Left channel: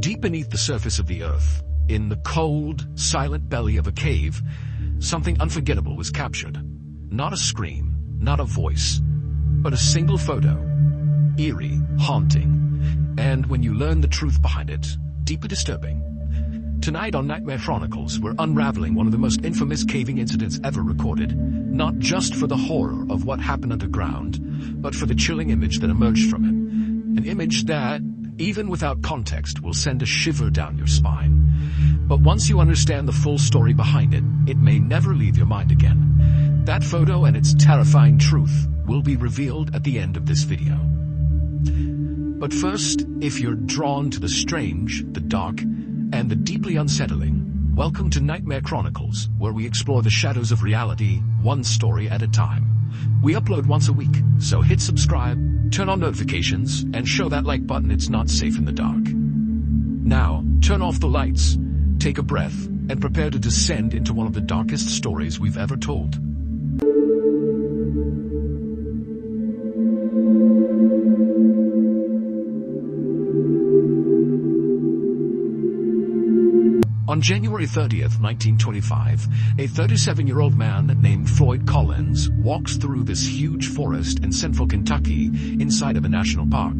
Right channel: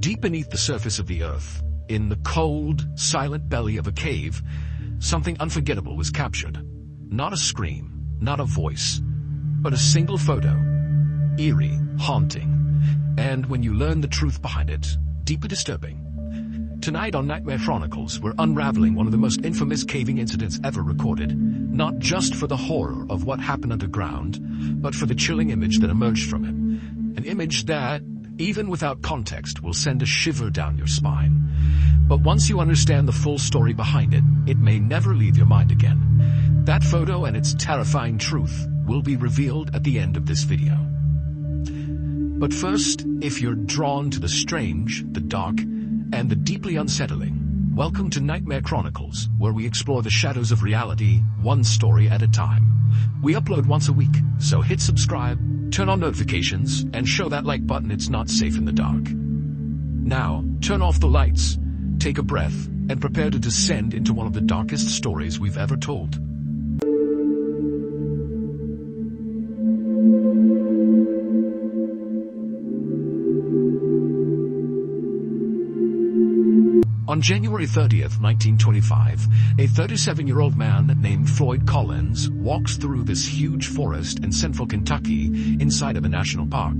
Deep beneath the surface of the earth, in the cold, silent belly of a cave, something unforgettable was captured. Not a scream, not a voice, but a single photo. Eerie, haunting, and when you learn the truth behind it, deeply disturbing. Tonight on Nightmare Chronicles, we're unraveling one of the most infamous caving incidents ever recorded, not just for the horror of what happened underground, but for the chilling image that emerged from it. An image that, even without context, will send a shiver down your spine. But once you understand the full story behind it, it may never leave your mind again. That photo and its terrifying truth will be revealed at the end of this video. But first, if you're drawn to the strange, the dark, and the deeply unsettling, welcome to Nightmare Chronicles, where we explore the shadows of reality, one story at a time. We upload once a week, so hit subscribe, turn on notifications, and show that like button. It's not safe in the dark. Now, turn off the lights, take a breath, and prepare to descend into one of the darkest stories we've ever told. On January 30th, 1925, a 37-year-old man named Floyd Collins walks through this huge forest in central Kentucky inside of a national park.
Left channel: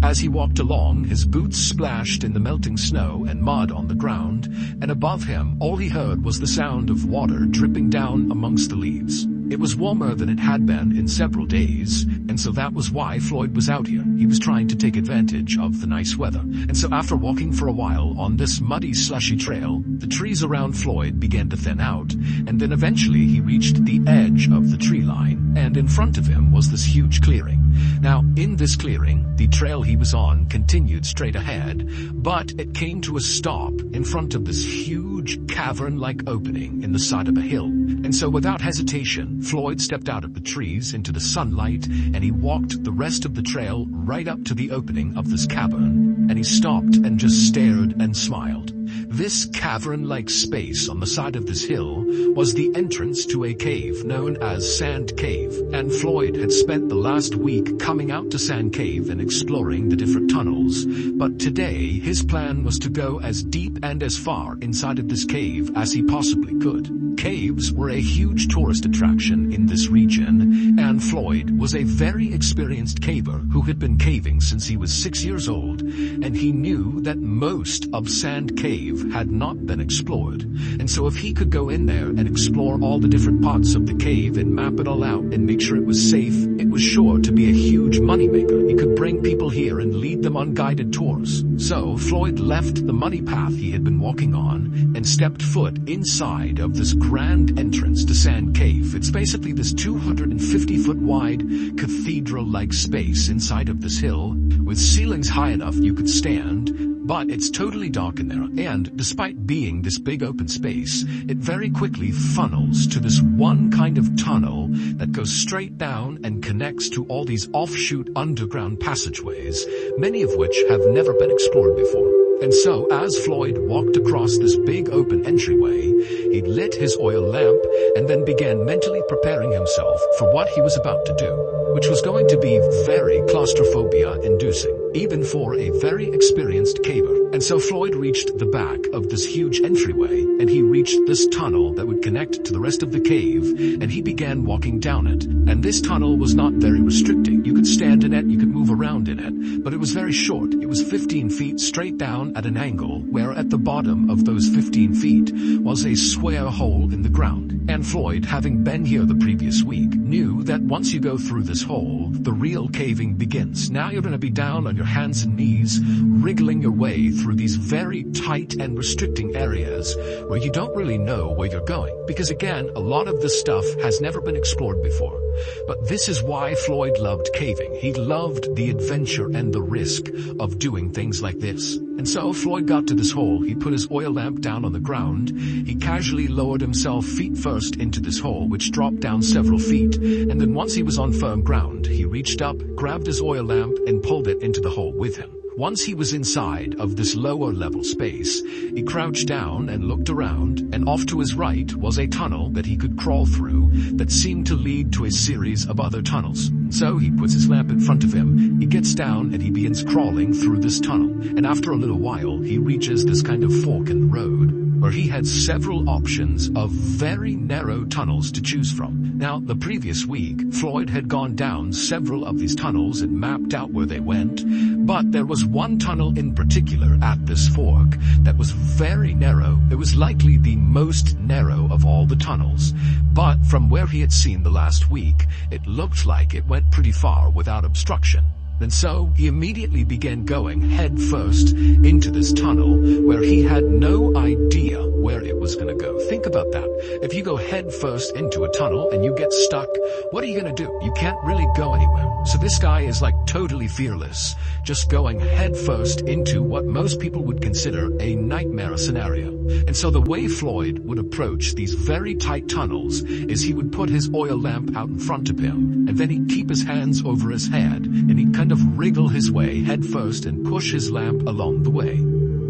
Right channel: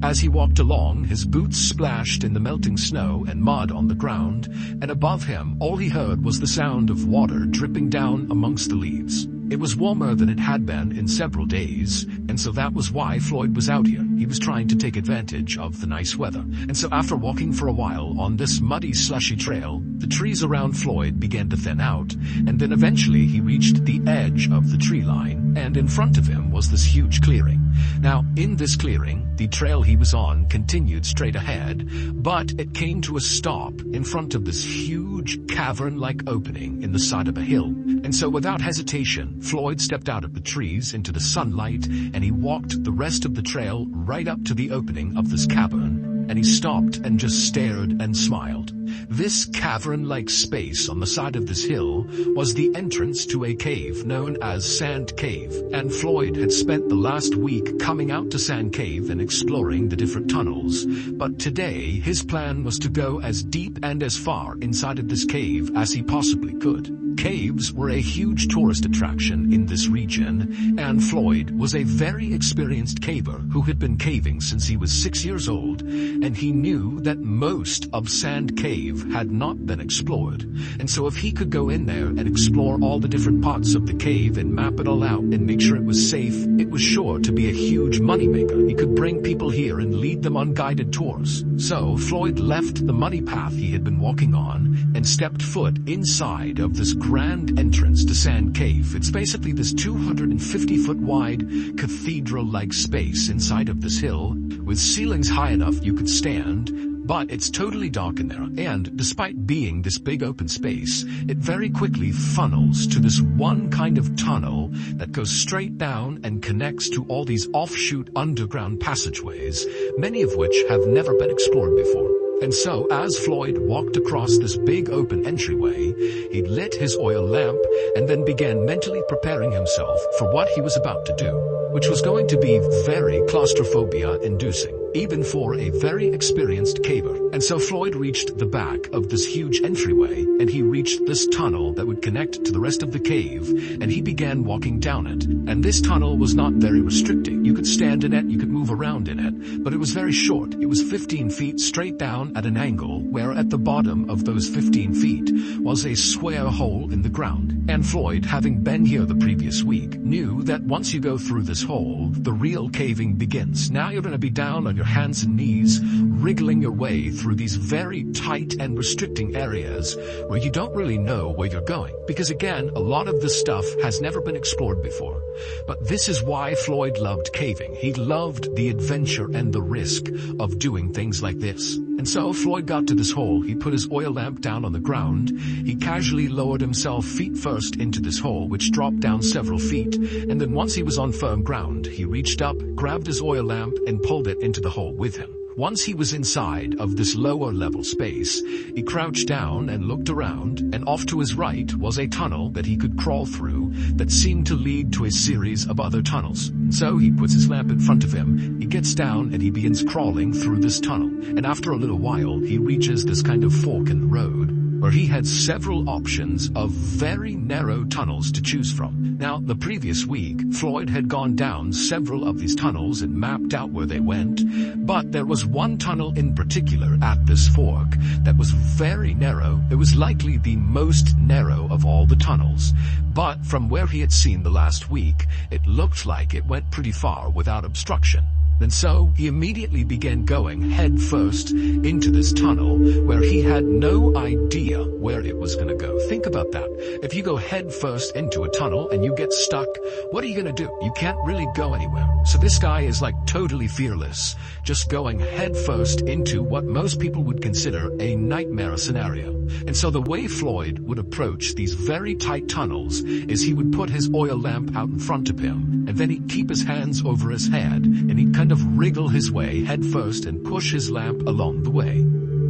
As he walked along, his boots splashed in the melting snow and mud on the ground, and above him, all he heard was the sound of water dripping down amongst the leaves. It was warmer than it had been in several days, and so that was why Floyd was out here. He was trying to take advantage of the nice weather. And so after walking for a while on this muddy, slushy trail, the trees around Floyd began to thin out, and then eventually he reached the edge of the tree line, and in front of him was this huge clearing. Now, in this clearing, the trail he was on continued straight ahead, but it came to a stop in front of this huge cavern-like opening in the side of a hill. And so without hesitation, Floyd stepped out of the trees into the sunlight, and he walked the rest of the trail right up to the opening of this cavern, and he stopped and just stared and smiled. This cavern-like space on the side of this hill was the entrance to a cave known as Sand Cave, and Floyd had spent the last week coming out to Sand Cave and exploring the different tunnels, but today his plan was to go as deep and as far inside of this cave as he possibly could. Caves were a huge tourist attraction in this region, and Floyd was a very experienced caver who had been caving since he was 6 years old, and he knew that most of Sand Cave had not been explored. And so if he could go in there and explore all the different parts of the cave and map it all out and make sure it was safe, it was sure to be a huge moneymaker. He could bring people here and lead them on guided tours. So Floyd left the muddy path he had been walking on and stepped foot inside of this grand entrance to Sand Cave. It's basically this 250-foot wide cathedral-like space inside of this hill with ceilings high enough you could stand, but it's totally dark in there, and despite being this big open space, it very quickly funnels to this one kind of tunnel that goes straight down and connects to all these offshoot underground passageways, many of which have never been explored before. And so, as Floyd walked across this big open entryway, he lit his oil lamp and then began mentally preparing himself for what he was about to do, which was going to be very claustrophobia-inducing, even for a very experienced caver. And so Floyd reached the back of this huge entryway, and he reached this tunnel that would connect to the rest of the cave, and he began walking down it. And this tunnel was not very restricting. You could stand in it, you could move around in it, but it was very short. It was 15 feet straight down at an angle, where at the bottom of those 15 feet was a square hole in the ground. And Floyd, having been here the previous week, knew that once you go through this hole, the real caving begins. Now you're going to be down on your hands and knees, wriggling your way through these very tight and restricting areas where you don't really know where you're going. Because again, a lot of this stuff has never been explored before. But this is why Floyd loved caving. He loved the adventure and the risk of doing things like this. And so Floyd got to this hole. He put his oil lamp down on the ground. He casually lowered himself feet first into this hole, which dropped down several feet. And then once he was on firm ground, he reached up, grabbed his oil lamp, and pulled it into the hole with him. Once he was inside of this lower level space, he crouched down and looked around, and off to his right was a tunnel that he could crawl through that seemed to lead to a series of other tunnels. So he puts his lamp in front of him, he gets down and he begins crawling through this tunnel. And after a little while, he reaches this kind of fork in the road, where he had several options of very narrow tunnels to choose from. Now, the previous week, Floyd had gone down several of these tunnels and mapped out where they went, but there was one tunnel in particular at this fork that was very narrow. It was likely the most narrow of all the tunnels, but from where he had seen the last week, it looked like it went pretty far without obstruction. And so he immediately began going head first into this tunnel where he had no idea where it was going to go. Think about that. If you go head first into a tunnel and you get stuck, what are you going to do? You can't really go anywhere. So this guy is like totally fearless, just going head first into what most people would consider a nightmare scenario. And so the way Floyd would approach these very tight tunnels is he would put his oil lamp out in front of him, and then he'd keep his hands over his head, and he'd kind of wriggle his way head first and push his lamp along the way.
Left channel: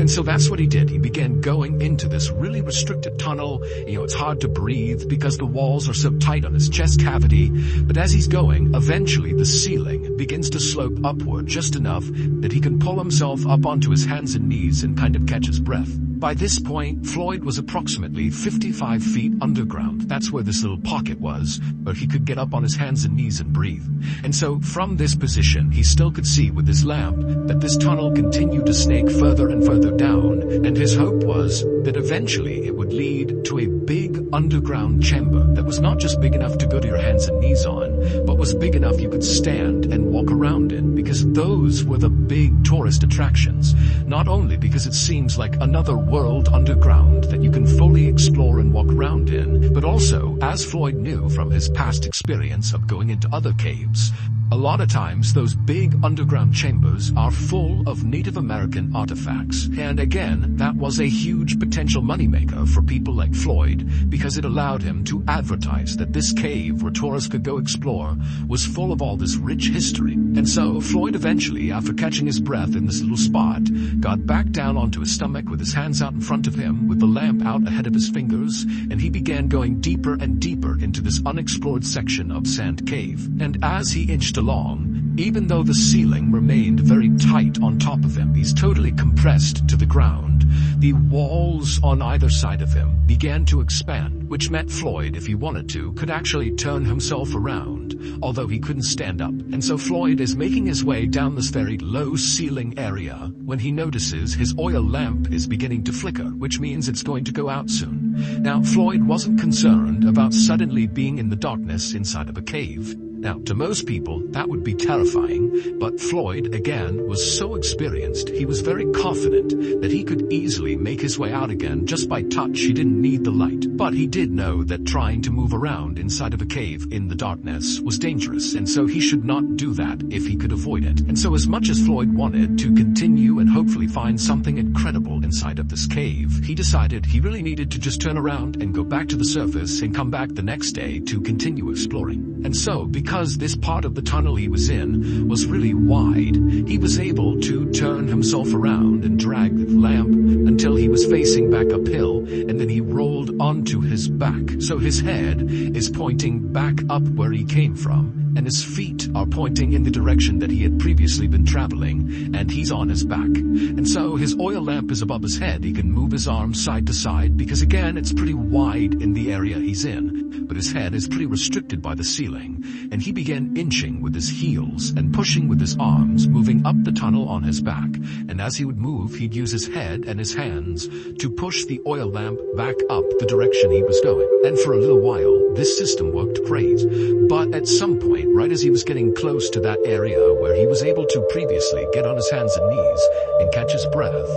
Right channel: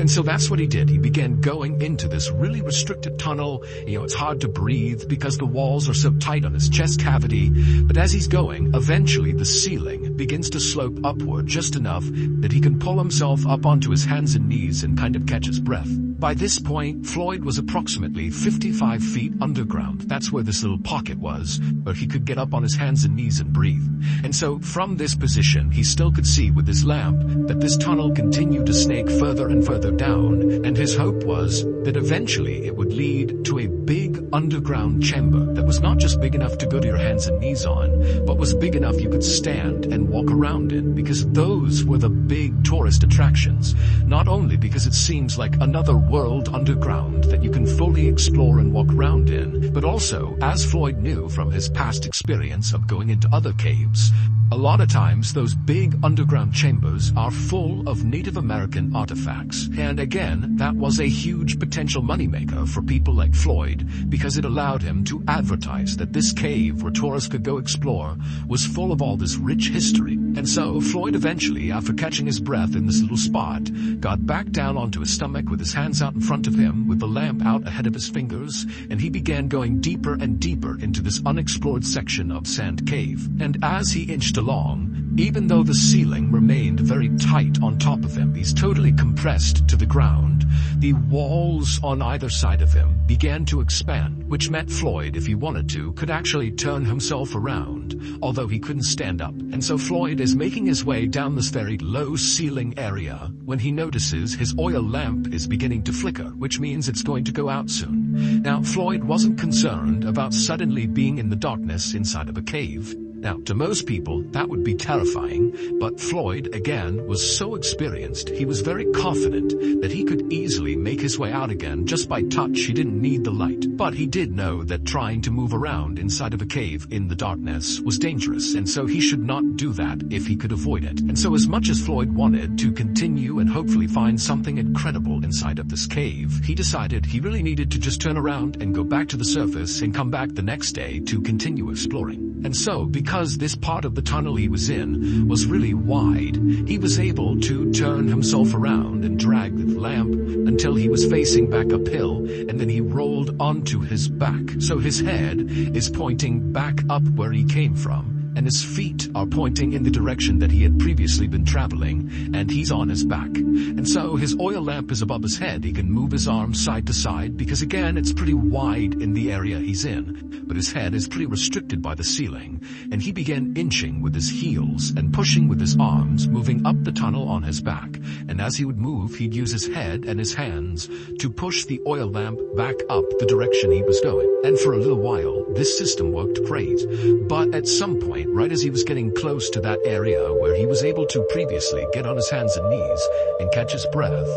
And so that's what he did. He began going into this really restricted tunnel. It's hard to breathe because the walls are so tight on his chest cavity. But as he's going, eventually the ceiling begins to slope upward just enough that he can pull himself up onto his hands and knees and kind of catch his breath. By this point, Floyd was approximately 55 feet underground. That's where this little pocket was, where he could get up on his hands and knees and breathe. And so from this position, he still could see with his lamp that this tunnel continued to snake further and further down, and his hope was that eventually it would lead to a big underground chamber that was not just big enough to go to your hands and knees on, but was big enough you could stand and walk around in, because those were the big tourist attractions. Not only because it seems like another world underground that you can fully explore and walk around in, but also, as Floyd knew from his past experience of going into other caves, a lot of times those big underground chambers are full of Native American artifacts. And again, that was a huge potential moneymaker for people like Floyd, because it allowed him to advertise that this cave where tourists could go explore was full of all this rich history. And so Floyd eventually, after catching his breath in this little spot, got back down onto his stomach with his hands out in front of him, with the lamp out ahead of his fingers, and he began going deeper and deeper into this unexplored section of Sand Cave. And as he inched along, even though the ceiling remained very tight on top of him, he's totally compressed to the ground, the walls on either side of him began to expand, which meant Floyd, if he wanted to, could actually turn himself around, although he couldn't stand up. And so Floyd is making his way down this very low ceiling area when he notices his oil lamp is beginning to flicker, which means it's going to go out soon. Now, Floyd wasn't concerned about suddenly being in the darkness inside of a cave. Now, to most people, that would be terrifying, but Floyd, again, was so experienced, he was very confident that he could easily make his way out again just by touch. He didn't need the light. But he did know that trying to move around inside of a cave in the darkness was dangerous, and so he should not do that if he could avoid it. And so as much as Floyd wanted to continue and hopefully find something incredible inside of this cave, he decided he really needed to just turn around and go back to the surface and come back the next day to continue exploring. And so, because this part of the tunnel he was in was really wide, he was able to turn himself around and drag the lamp until he was facing back uphill, and then he rolled onto his back. So his head is pointing back up where he came from, and his feet are pointing in the direction that he had previously been traveling, and he's on his back. And so his oil lamp is above his head. He can move his arms side to side because, again, it's pretty wide in the area he's in, but his head is pretty restricted by the ceiling, and he began inching with his heels and pushing with his arms, moving up the tunnel on his back. And as he would move, he'd use his head and his hands to push the oil lamp back up the direction he was going. And for a little while, this system worked great, but at some point, right as he was getting close to that area where he was able to previously get on his hands and knees and catch his breath,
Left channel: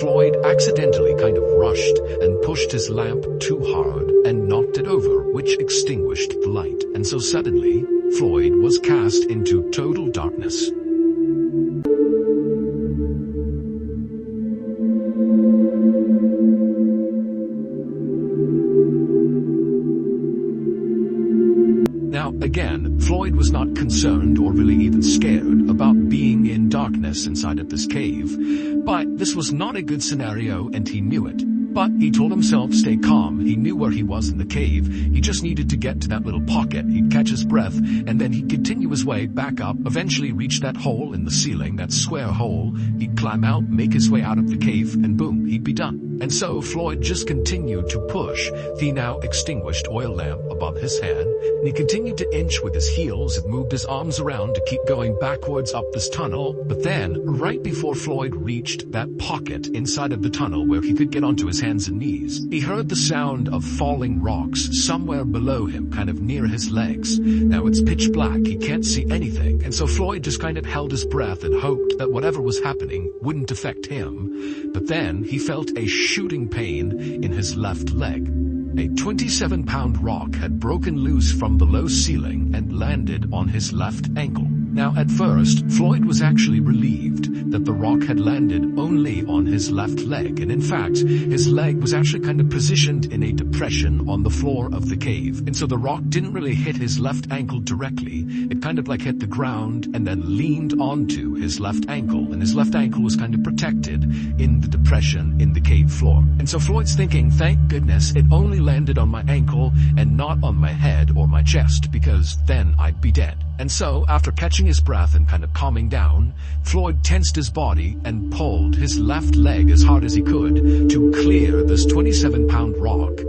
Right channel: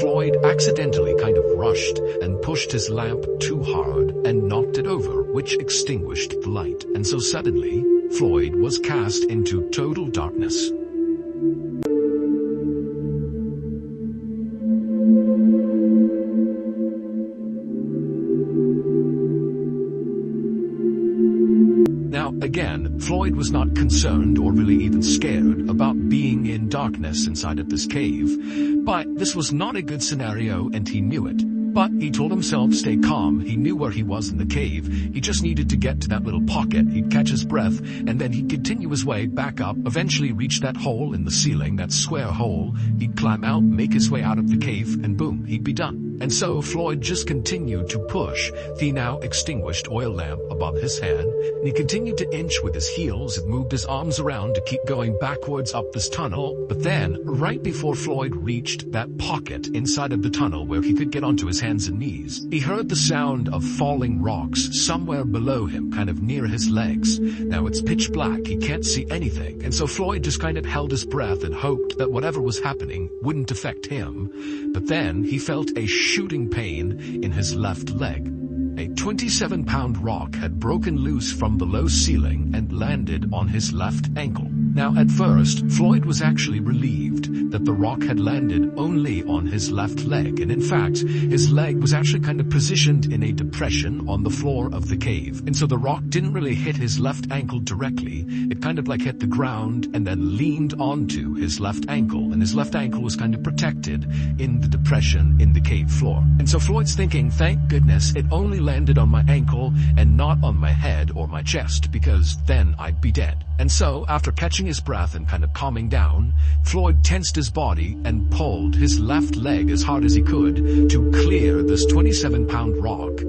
Floyd accidentally kind of rushed and pushed his lamp too hard and knocked it over, which extinguished the light. And so suddenly, Floyd was cast into total darkness. Now, again, Floyd was not concerned or really even scared about being in darkness inside of this cave, but this was not a good scenario and he knew it. But he told himself stay calm. He knew where he was in the cave. He just needed to get to that little pocket. He'd catch his breath, and then he'd continue his way back up, eventually reach that hole in the ceiling, that square hole. He'd climb out, make his way out of the cave, and boom, he'd be done. And so Floyd just continued to push the now extinguished oil lamp above his head, and he continued to inch with his heels and moved his arms around to keep going backwards up this tunnel. But then, right before Floyd reached that pocket inside of the tunnel where he could get onto his hands and knees, he heard the sound of falling rocks somewhere below him, kind of near his legs. Now it's pitch black, he can't see anything, and so Floyd just kind of held his breath and hoped that whatever was happening wouldn't affect him. But then he felt a shooting pain in his left leg. A 27-pound rock had broken loose from the low ceiling and landed on his left ankle. Now, at first, Floyd was actually relieved that the rock had landed only on his left leg, and in fact, his leg was actually kind of positioned in a depression on the floor of the cave, and so the rock didn't really hit his left ankle directly. It kind of like hit the ground and then leaned onto his left ankle, and his left ankle was kind of protected in the depression in the cave floor. And so Floyd's thinking, thank goodness it only landed on my ankle and not on my head or my chest, because then I'd be dead. And so, after catching his breath and kind of calming down, Floyd tensed his body and pulled his left leg as hard as he could to clear this 27-pound rock.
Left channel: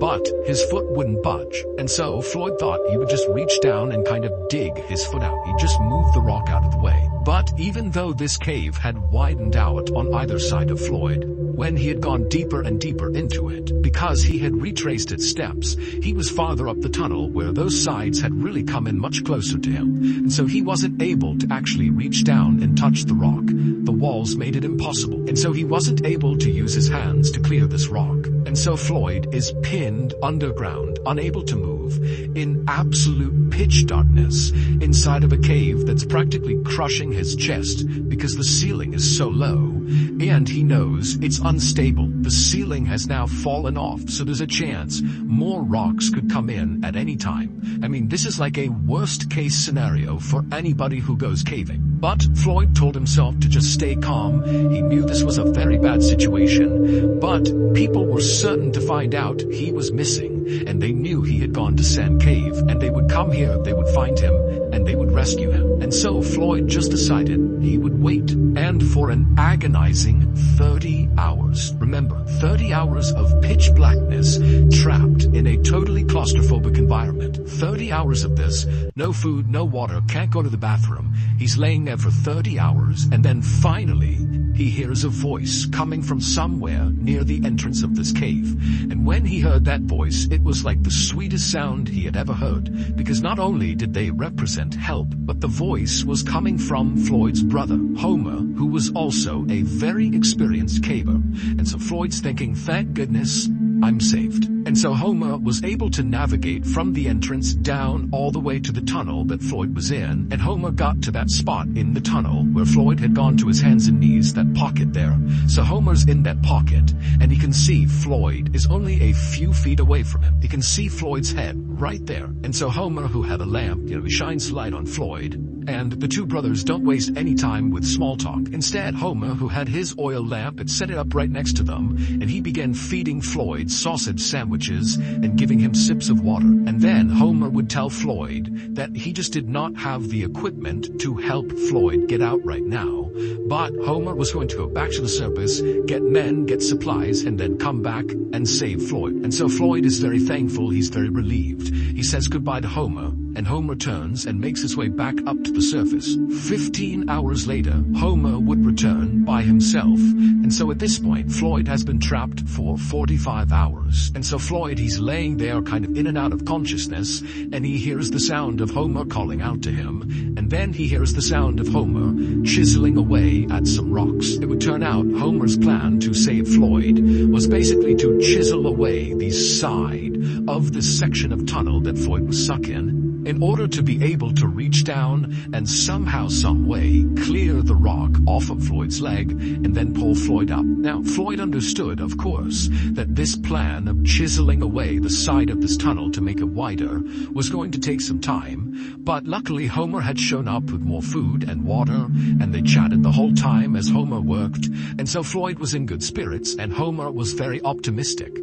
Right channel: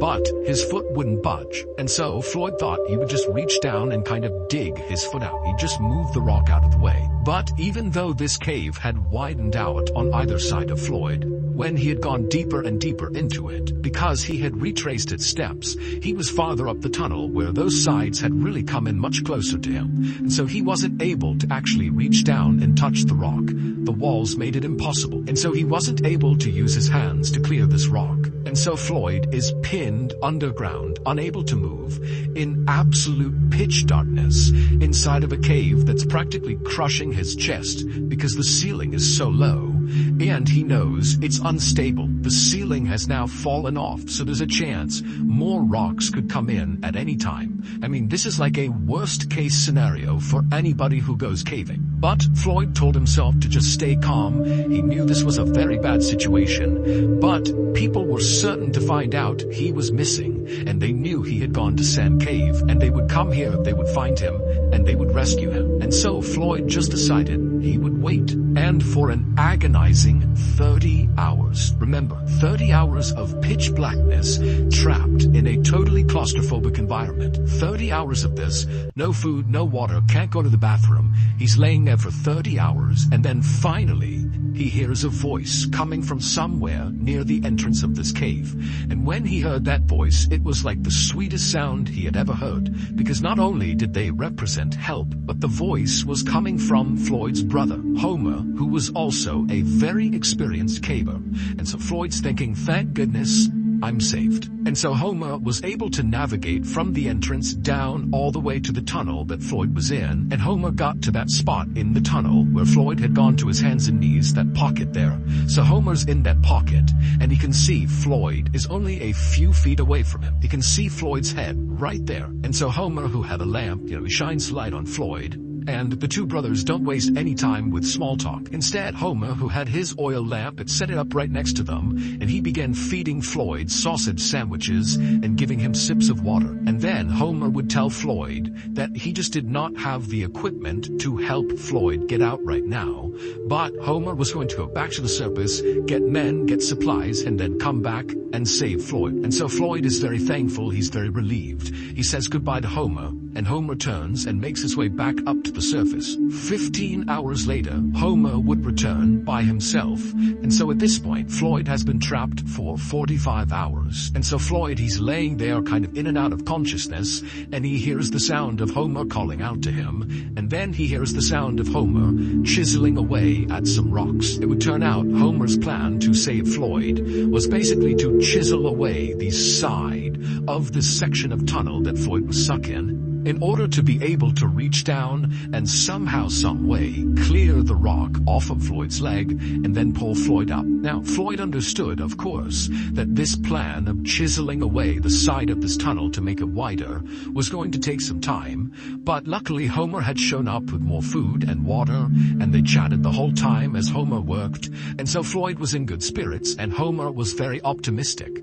But his foot wouldn't budge, and so Floyd thought he would just reach down and kind of dig his foot out. He'd just move the rock out of the way. But even though this cave had widened out on either side of Floyd, when he had gone deeper and deeper into it, because he had retraced its steps, he was farther up the tunnel where those sides had really come in much closer to him, and so he wasn't able to actually reach down and touch the rock. The walls made it impossible, and so he wasn't able to use his hands to clear this rock. And so Floyd is pinned underground, unable to move, in absolute pitch darkness, inside of a cave that's practically crushing his chest because the ceiling is so low, and he knows it's unstable. The ceiling has now fallen off, so there's a chance more rocks could come in at any time. I mean, this is like a worst-case scenario for anybody who goes caving. But Floyd told himself to just stay calm. He knew this was a very bad situation, but people were certain to find out he was missing, and they knew he had gone to Sand Cave, and they would come here, they would find him, and they would rescue him. And so Floyd just decided he would wait, and for an agonizing 30 hours. Remember, 30 hours of pitch blackness, trapped in a totally claustrophobic environment. 30 hours of this, no food, no water, can't go to the bathroom. He's laying there for 30 hours, and then finally, he hears a voice coming from somewhere near the entrance of this cave. And when he heard that voice, it was like the sweetest sound he had ever heard, because not only did they represent help, but the voice was coming from Floyd's brother, Homer, who was also a very experienced caver. And so Floyd's thinking, thank goodness, I'm saved. And so Homer was able to navigate from the entrance down all the way to the tunnel that Floyd was in, and Homer got to that spot in the tunnel where Floyd had gone to his hands and knees, that pocket there. So Homer's in that pocket, and he can see Floyd is only a few feet away from him. He can see Floyd's head right there. And so Homer, who had a lamp, he shines light on Floyd, and the two brothers don't waste any time with small talk. Instead, Homer, who had his oil lamp, had set it up right next to them, and he began feeding Floyd sausage sandwiches and giving him sips of water. And then Homer would tell Floyd that he just did not have the equipment to help Floyd get out right now, but Homer was going to go back to the surface, get men, get supplies, and then come back and save Floyd. And so Floyd is very thankful, he's very relieved. He says goodbye to Homer, and Homer turns and makes his way back up to the surface. 15 hours later, Homer would return by himself, and so at this point, Floyd has been trapped for 45 hours. And so Floyd, he's laying there kind of in and out of consciousness, and he hears the sound of Homer calling out to him, and then he hears the sound of Homer chiseling away at some rocks. It would turn out Homer's plan to save Floyd was basically to chisel away the side of this section of tunnel that Floyd was stuck in, in order to be able to reach down and somehow, some way, clear the rock off of Floyd's leg and then pull Floyd up. Now, Floyd understood, of course, that this plan of chiseling away the side of this tunnel to make it wider was going to take some time, but luckily Homer had shown up with more food and water, and they chatted the whole time as Homer worked, and so Floyd was in good spirits and Homer was very optimistic.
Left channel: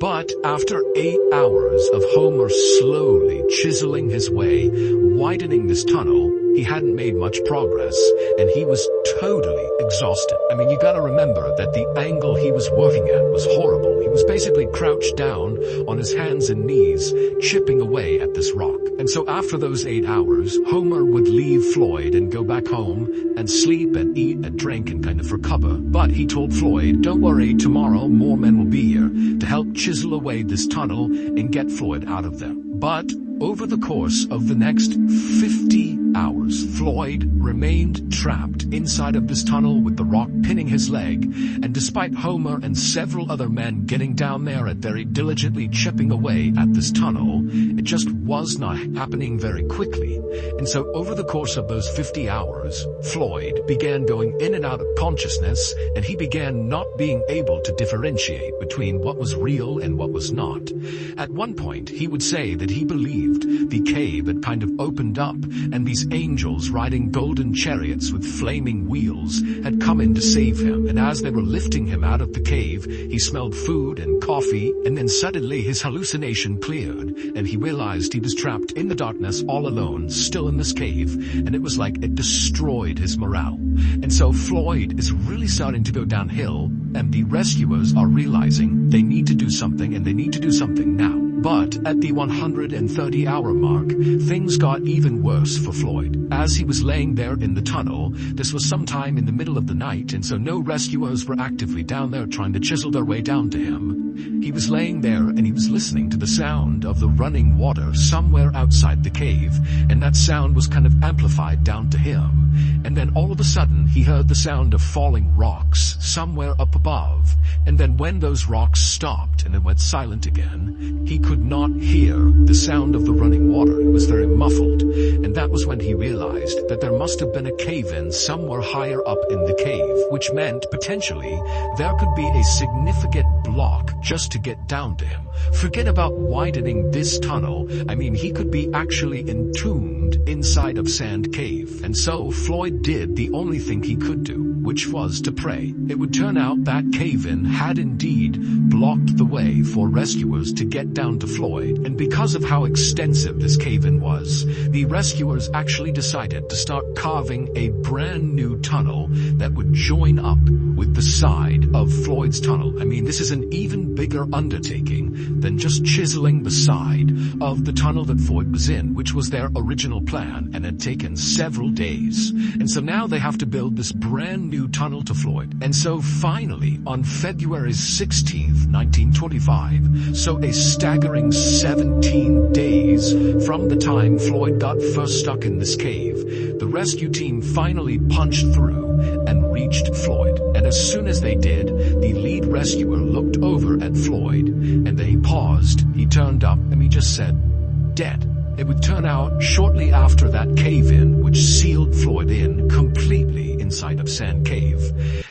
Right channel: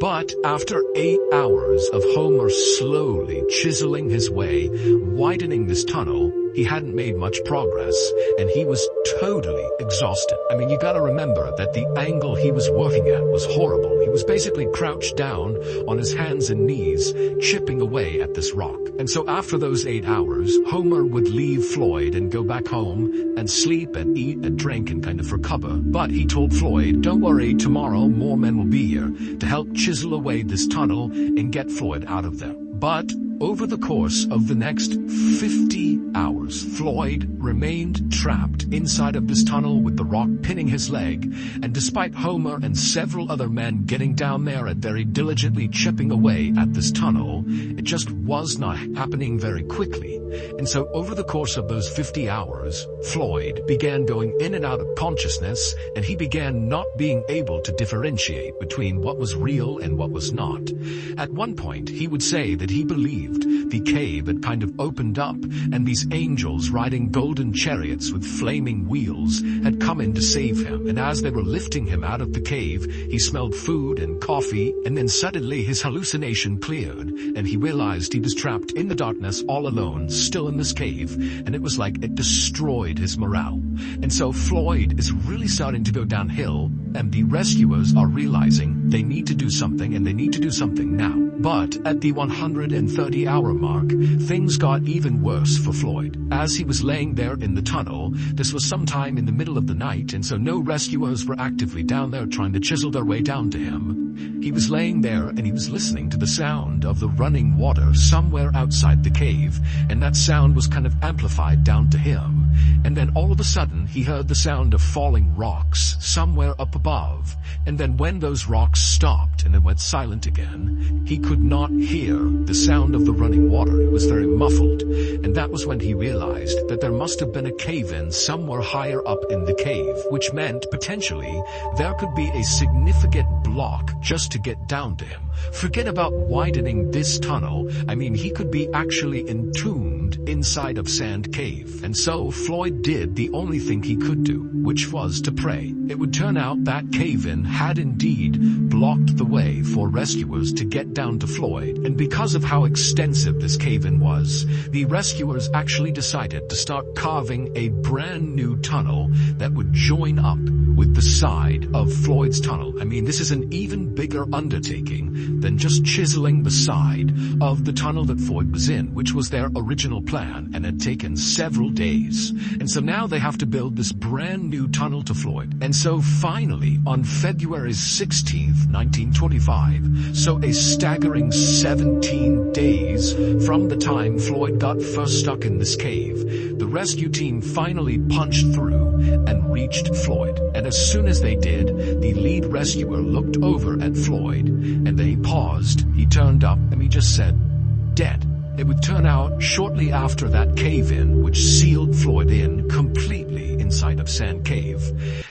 But after 8 hours of Homer slowly chiseling his way, widening this tunnel, he hadn't made much progress, and he was totally exhausted. I mean, you gotta remember that the angle he was working at was horrible. He was basically crouched down on his hands and knees, chipping away at this rock. And so after those 8 hours, Homer would leave Floyd and go back home and sleep and eat and drink and kind of recover. But he told Floyd, don't worry, tomorrow more men will be here to help chisel away this tunnel and get Floyd out of there. But over the course of the next 50 hours, Floyd remained trapped inside of this tunnel with the rock pinning his leg, and despite Homer and several other men getting down there and very diligently chipping away at this tunnel, it just was not happening very quickly. And so over the course of those 50 hours, Floyd began going in and out of consciousness, and he began not being able to differentiate between what was real and what was not. At one point, he would say that he believed the cave had kind of opened up, and these angels riding golden chariots with flaming wheels had come in to save him. And as they were lifting him out of the cave, he smelled food and coffee, and then suddenly his hallucination cleared, and he realized he was trapped in the darkness all alone, still in this cave, and it was like it destroyed his morale. And so Floyd is really starting to go downhill, and the rescuers are realizing they need to do something, and they need to do something now. But at the 130-hour mark, things got even worse for Floyd. As he was laying there in the tunnel, this was sometime in the middle of the night, and so no rescuers were actively down there trying to chisel their way down to him. He was laying there and he was listening to the sound of the running water somewhere outside the cave, and that sound was kind of amplified down to him. And then all of a sudden, he heard the sound of falling rocks somewhere up above. And then when those rocks stopped and it went silent again, he could not hear the sound of the running water. It was very muffled. And that was when he realized that there must have been a cave-in somewhere higher up in the cave, which meant potentially there could be a significant block just to get down to him. Forget about widening this tunnel. I mean, he could be actually entombed inside of Sand Cave. And so Floyd did the only thing he could do, which was to pray. It would turn out that cave-in had indeed blocked the way for rescuers to get down to Floyd, and because of how extensive this cave-in was, the rescuers actually decided to start carving a brand new tunnel that would join up with the side of Floyd's tunnel. I mean, this is an even bigger undertaking than just chiseling the side of the tunnel that Floyd was in, which was their original plan and had taken several days. And so now they have to build this brand new tunnel to Floyd. And so finally, on February 16th, 1925, so a staggering 17 days from the time Floyd got first stuck in this cave, the rescue team finally punched through and reached Floyd. And as soon as they did, the lead rescuer looked over at Floyd, and then he paused, he turned up, and he just said, "Dead." It would turn out shortly after that cave-in, which sealed Floyd in completely inside of Sand Cave,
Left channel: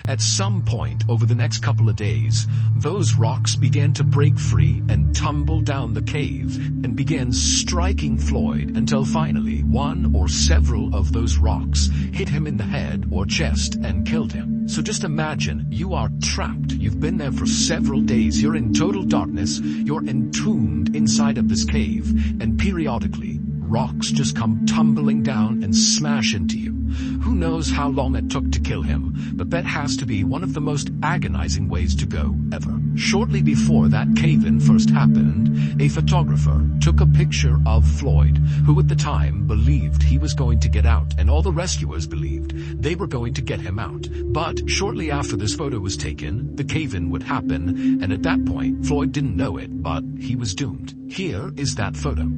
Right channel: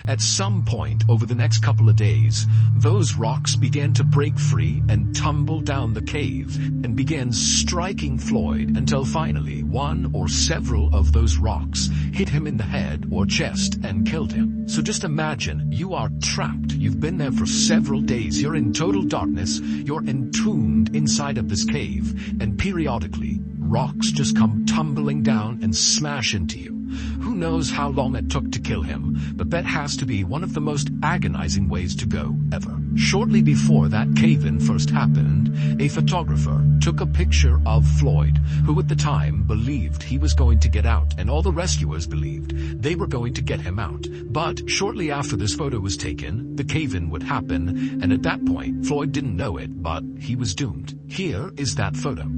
at some point over the next couple of days, those rocks began to break free and tumble down the cave and began striking Floyd until finally one or several of those rocks hit him in the head or chest and killed him. So just imagine, you are trapped. You've been there for several days. You're in total darkness. You're entombed inside of this cave, and periodically, rocks just come tumbling down and smash into you. Who knows how long it took to kill him, but that has to be one of the most agonizing ways to go ever. Shortly before that cave-in first happened, a photographer took a picture of Floyd, who at the time believed he was going to get out, and all the rescuers believed they were going to get him out. But shortly after this photo was taken, the cave-in would happen, and at that point, Floyd didn't know it, but he was doomed. Here is that photo.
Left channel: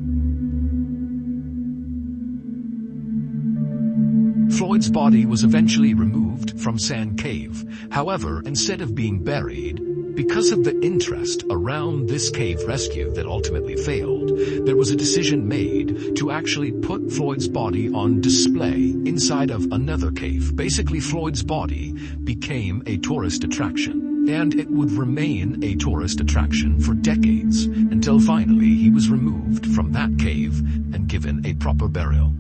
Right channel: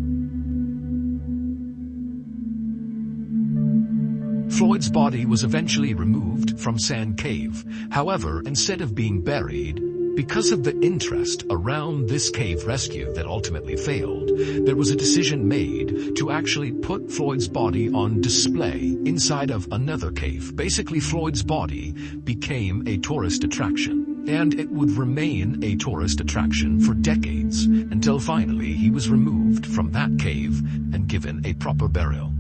Floyd's body was eventually removed from Sand Cave. However, instead of being buried, Because of the interest around this cave rescue that ultimately failed, there was a decision made to actually put Floyd's body on display inside of another cave. Basically, Floyd's body became a tourist attraction, and it would remain a tourist attraction for decades, until finally he was removed from that cave and given a proper burial.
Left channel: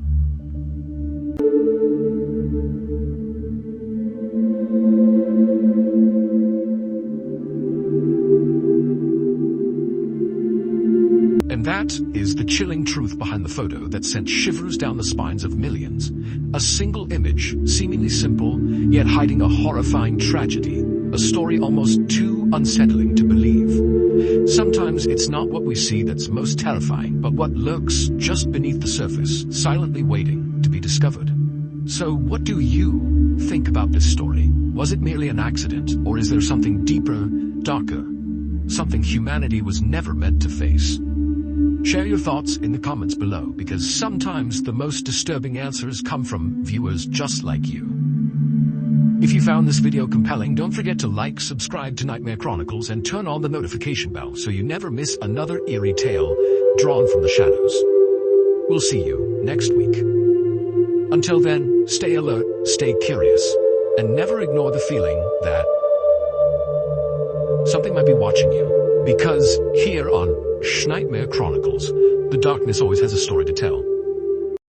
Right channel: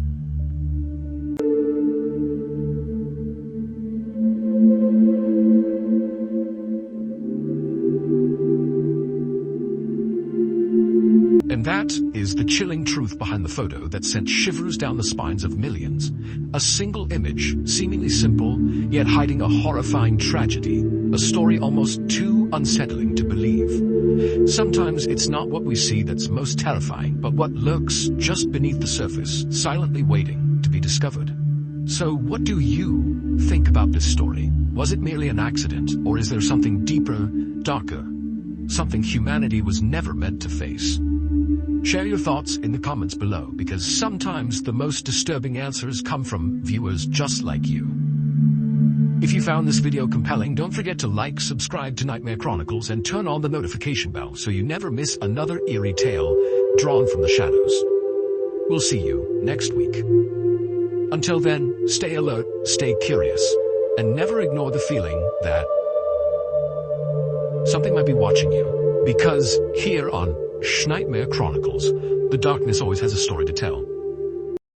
And that is the chilling truth behind the photo that sent shivers down the spines of millions. A single image, seemingly simple, yet hiding a horrifying tragedy. A story almost too unsettling to believe. Sometimes it's not what we see that's most terrifying, but what lurks just beneath the surface, silently waiting to be discovered. So what do you think about this story? Was it merely an accident, or is there something deeper, darker, something humanity was never meant to face? Share your thoughts in the comments below, because sometimes the most disturbing answers come from viewers just like you. If you found this video compelling, don't forget to like, subscribe to Nightmare Chronicles, and turn on the notification bell so you never miss another eerie tale drawn from the shadows. We'll see you next week. Until then, stay alert, stay curious, and never ignore the feeling that something might be watching you. Because here on Nightmare Chronicles, the darkness always has a story to tell.